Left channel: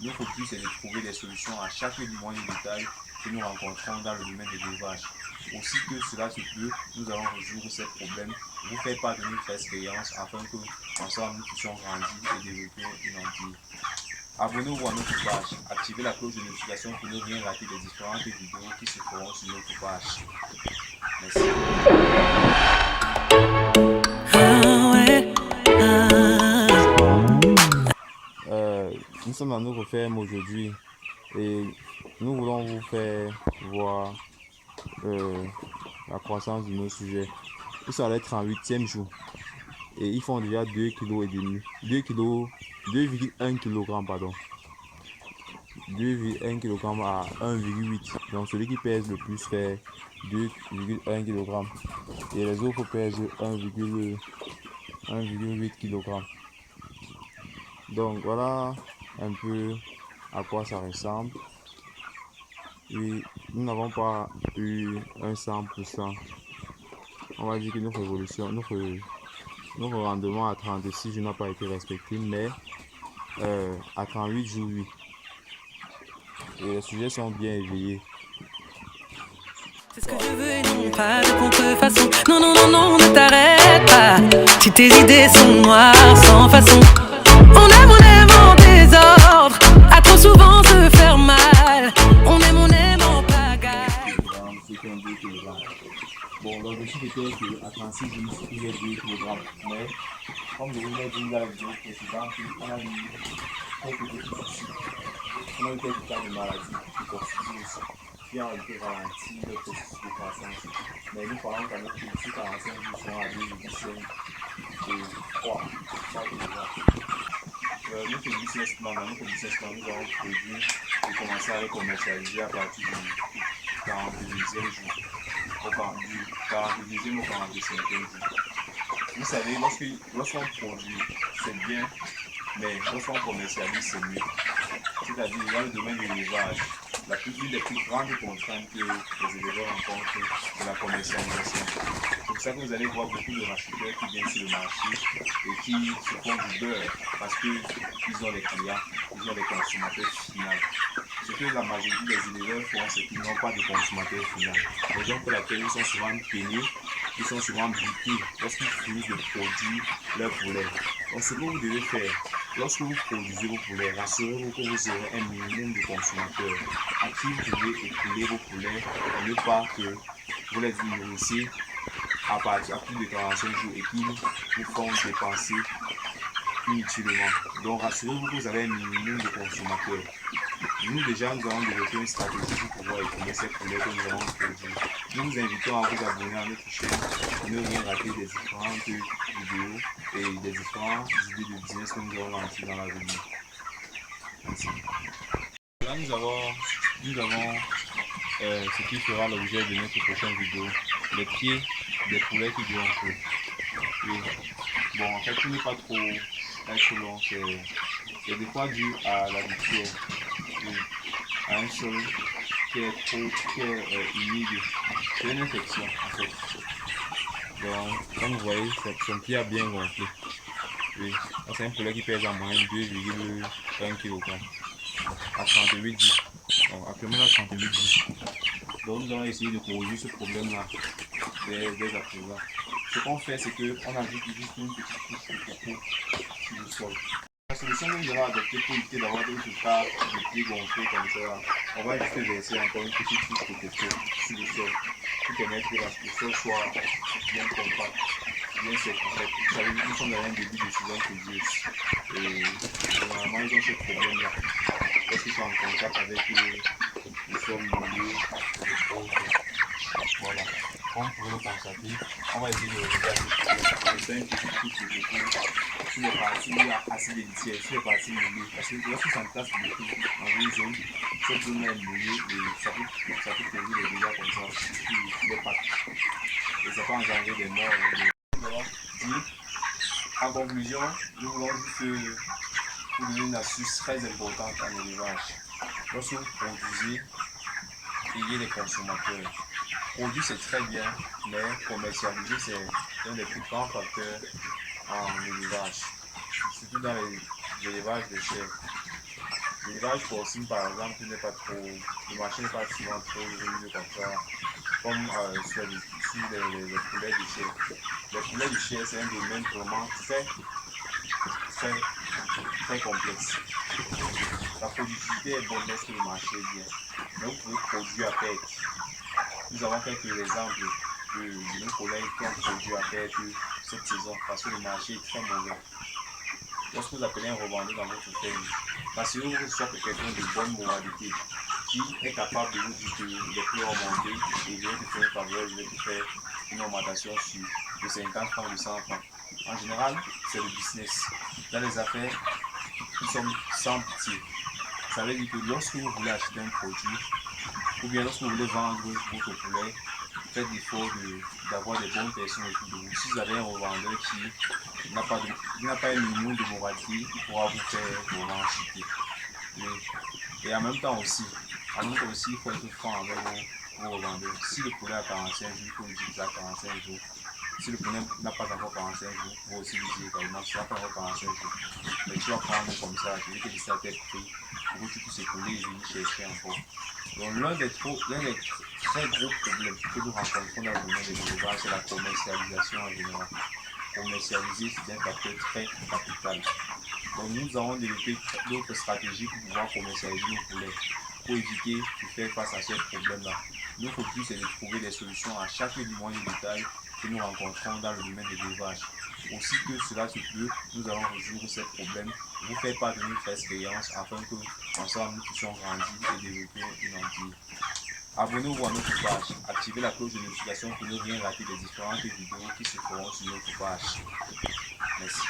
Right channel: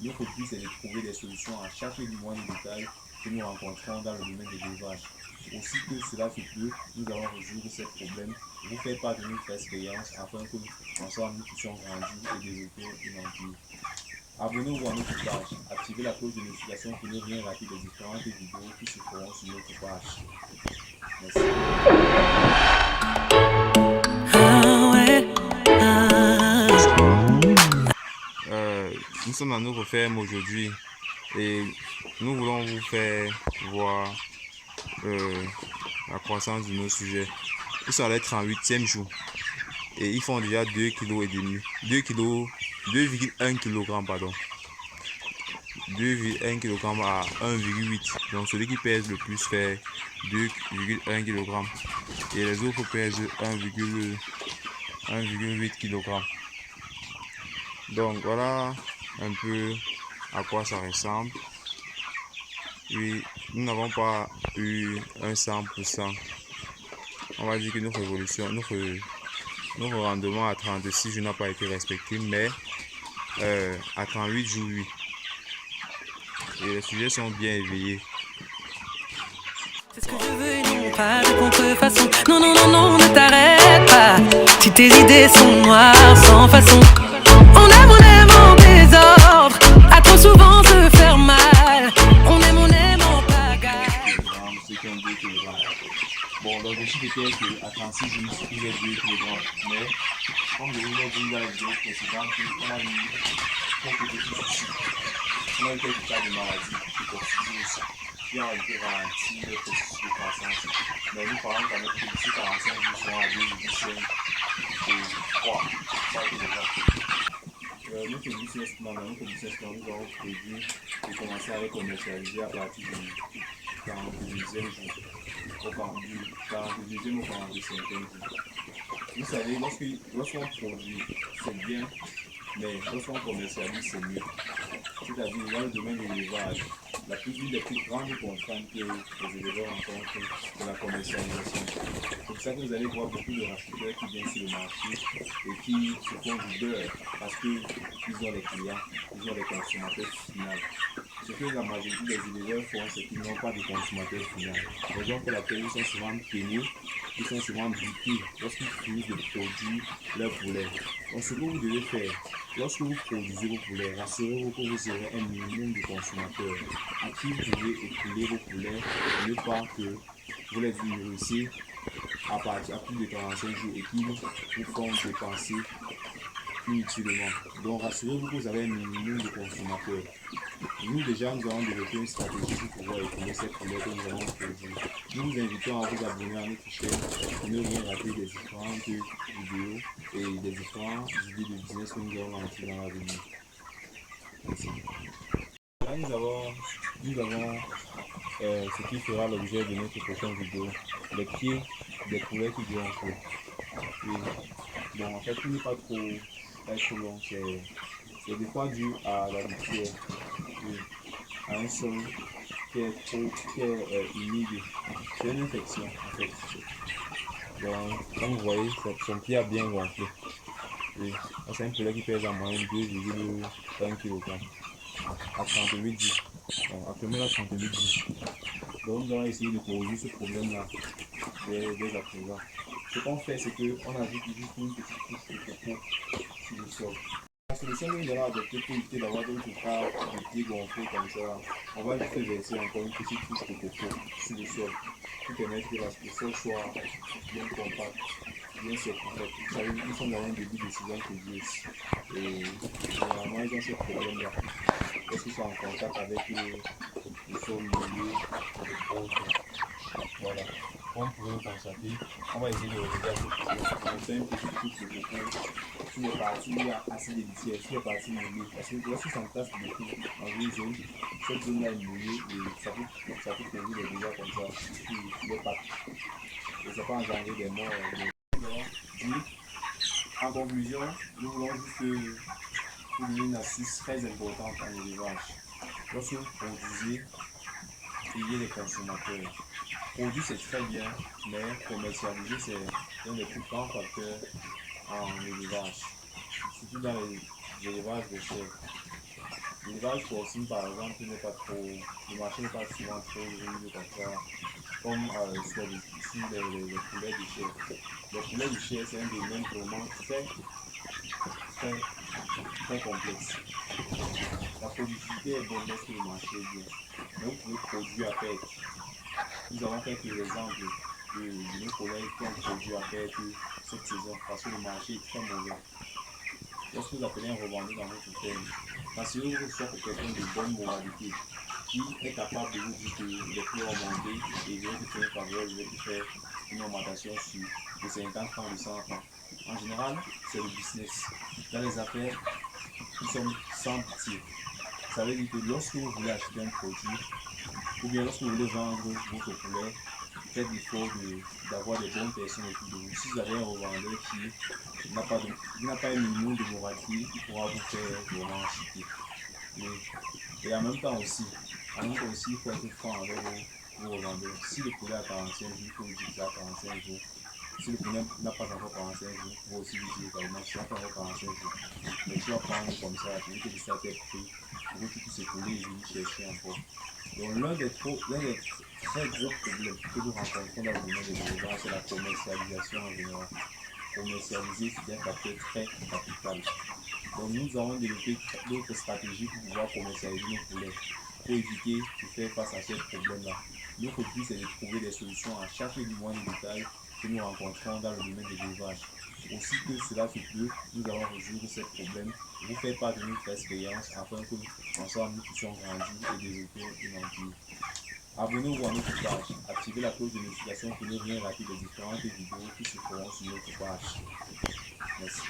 Notre but, c'est de trouver des solutions à chaque moindre détail que nous rencontrons dans le domaine de l'élevage. Aussi que cela se peut, nous allons résoudre ces problèmes, vous faire part de notre expérience afin que, ensemble, nous puissions grandir et développer une empire. Abonnez-vous à notre page, activez la cloche de notification pour ne rien rater des différentes vidéos qui se feront sur notre page. Merci. Ah ouais, Nous sommes dans notre ferme aujourd'hui et nous voulons vous faire voir la croissance de nos sujets. Ils sont à leur 38e jour et ils font déjà 2,5 kg, 2 kg, 2,1 kg, pardon. 2,1 kg à 1,8 kg. Donc celui qui pèse le plus fait 2,1 kg et les autres pèsent 1,8 kg. Donc voilà un peu à quoi ça ressemble. Oui, nous n'avons pas eu un 100%. On va dire que notre évolution, notre rendement à 36 jours n'a pas été respecté, mais à 38 jours, oui. Et les sujets sont bien éveillés. c'est ce que je veux et non pas de contrefaçon. Non, non, non, non, ne t'arrête pas. Si tes idées sont noires, sans façon. On aime en désordre. À trop souvent se faire mal. On aime en pagaille. Bon, l'objectif était qu'à 36 jours, il y ait 2 kg. Mais, comme je vous l'ai dit dans la vidéo précédente, on a eu quelques petits soucis. On a eu quelques cas de maladie qui constituent aussi, qui ont été ralentis le processus de croissance. Mais nous parlons quand même que d'ici 45 jours sont à 2,5 et 3. Ça, c'est déjà. Notre business plan, dans notre business plan, nous avons prévu de commencer à les commercialiser à partir du 42e jour. Du 42e au 45e jour. Vous savez, lorsqu'on produit, c'est bien, mais lorsqu'on commercialise, c'est mieux. C'est-à-dire, dans le domaine de l'élevage, une des plus grandes contraintes que les éleveurs rencontrent, c'est la commercialisation. C'est pour ça que vous allez voir beaucoup de racheteurs qui viennent sur le marché et qui se font du beurre parce qu'ils ont les clients, ils ont les consommateurs finaux. Ce que la majorité des éleveurs font, c'est qu'ils n'ont pas de consommateur final. Raison pour laquelle ils sont souvent peinés, ils sont souvent butés lorsqu'ils finissent de produire leur poulet. Donc ce que vous devez faire, lorsque vous produisez vos poulets, rassurez-vous que vous aurez un minimum de consommateurs à qui vous pouvez écouler vos poulets et ne pas que vous les nourrissez à plus de 45 jours et qu'ils vous font dépenser inutilement. Donc rassurez-vous que vous avez un minimum de consommateurs. Nous déjà, nous avons développé une stratégie pour pouvoir écouler ces poulets que nous avons produits. Nous vous invitons à vous abonner à notre chaîne pour ne rien rater des différentes vidéos et des différentes idées de business que nous allons lancer dans l'avenir. Merci. Là, nous avons ce qui fera l'objet de notre prochaine vidéo, les pieds des poulets qui gonflent. Oui. Bon, en fait, tout n'est pas trop long, c'est des fois dû à la litière, oui, à un sol qui est humide. C'est une infection en fait. Donc, comme vous voyez, son pied a bien gonflé. Oui, c'est un poulet qui pèse en moyenne 2,1 kg à 38 jours. Donc, actuellement, à 38 jours. Donc, nous allons essayer de corriger ce problème-là dès à présent. Ce qu'on fait, c'est qu'on ajoute juste une petite couche de coco sur le sol. La solution que nous allons adopter pour éviter d'avoir d'autres cas de pieds gonflés comme ça, on va juste verser encore une petite couche de coco sur le sol pour permettre que le sol soit bien compact, bien sec en fait. Vous savez, nous sommes dans un début de saison pluvieuse et généralement ils ont ce problème-là. Lorsqu'ils sont en contact avec le sol mouillé et autres. Voilà. Comme vous pouvez le constater, on va essayer de regarder ce problème. On va faire une petite couche de coco sur les parties où il y a assez de litière, sur les parties mouillées. Parce que lorsque ça entasse beaucoup dans une zone, cette zone-là est mouillée et ça peut causer des dégâts comme ça sur les pattes. Et ça peut engendrer des morts. En conclusion, nous voulons juste vous donner une astuce très importante en élevage. Lorsque vous produisez, ayez les consommateurs. Produire c'est très bien, mais commercialiser c'est un des plus grands facteurs en élevage, surtout dans les élevages de chèvres. L'élevage porcine, par exemple, n'est pas trop, le marché n'est pas souvent trop rude comme ça, comme sur les poulets de chair. Les poulets de chair, c'est un domaine vraiment très, très complexe. La productivité est bonne lorsque le marché est bien. Mais vous pouvez produire à perte. Nous avons quelques exemples de nos collègues qui ont produit à perte cette saison parce que le marché est très mauvais. Lorsque vous appelez un revendeur dans votre ferme, assurez-vous que ce soit quelqu'un de bonne moralité qui est capable de vous dire que les prix ont monté et il vient te faire une faveur, il vient te faire une augmentation de 50 francs, de 100 francs. En général, c'est le business. Dans les affaires, nous sommes sans pitié. Ça veut dire que lorsque vous voulez acheter un produit, ou bien lorsque vous voulez vendre votre poulet, faites l'effort d'avoir des bonnes personnes autour de vous. Si vous avez un revendeur qui n'a pas un minimum de moralité, il pourra vous faire vraiment chuter. Et en même temps aussi, il faut être franc avec vos revendeurs. Si le poulet a 45 jours, il faut lui dire qu'il a 45 jours. Si le poulet n'a pas encore 45 jours, il faut aussi lui dire également qu'il n'a pas encore 45 jours. Mais tu vas prendre comme ça, tu veux que ça t'ait pris pour que tu puisses écouler et venir chercher encore. Donc l'un des très gros problèmes que nous rencontrons dans le domaine de l'élevage, c'est la commercialisation en général. Commercialiser, c'est un facteur très capital. Donc nous avons développé d'autres stratégies pour pouvoir commercialiser nos poulets, pour éviter de faire face à ce problème-là. Notre but, c'est de trouver des solutions à chaque moyen de détail que nous rencontrons dans le domaine de l'élevage. Aussi que cela se peut, nous allons résoudre ce problème, vous faire part de notre expérience afin que ensemble nous puissions grandir et développer une empire. Abonnez-vous à notre page, activez la cloche de notification pour ne rien rater des différentes vidéos qui se feront sur notre page. Merci.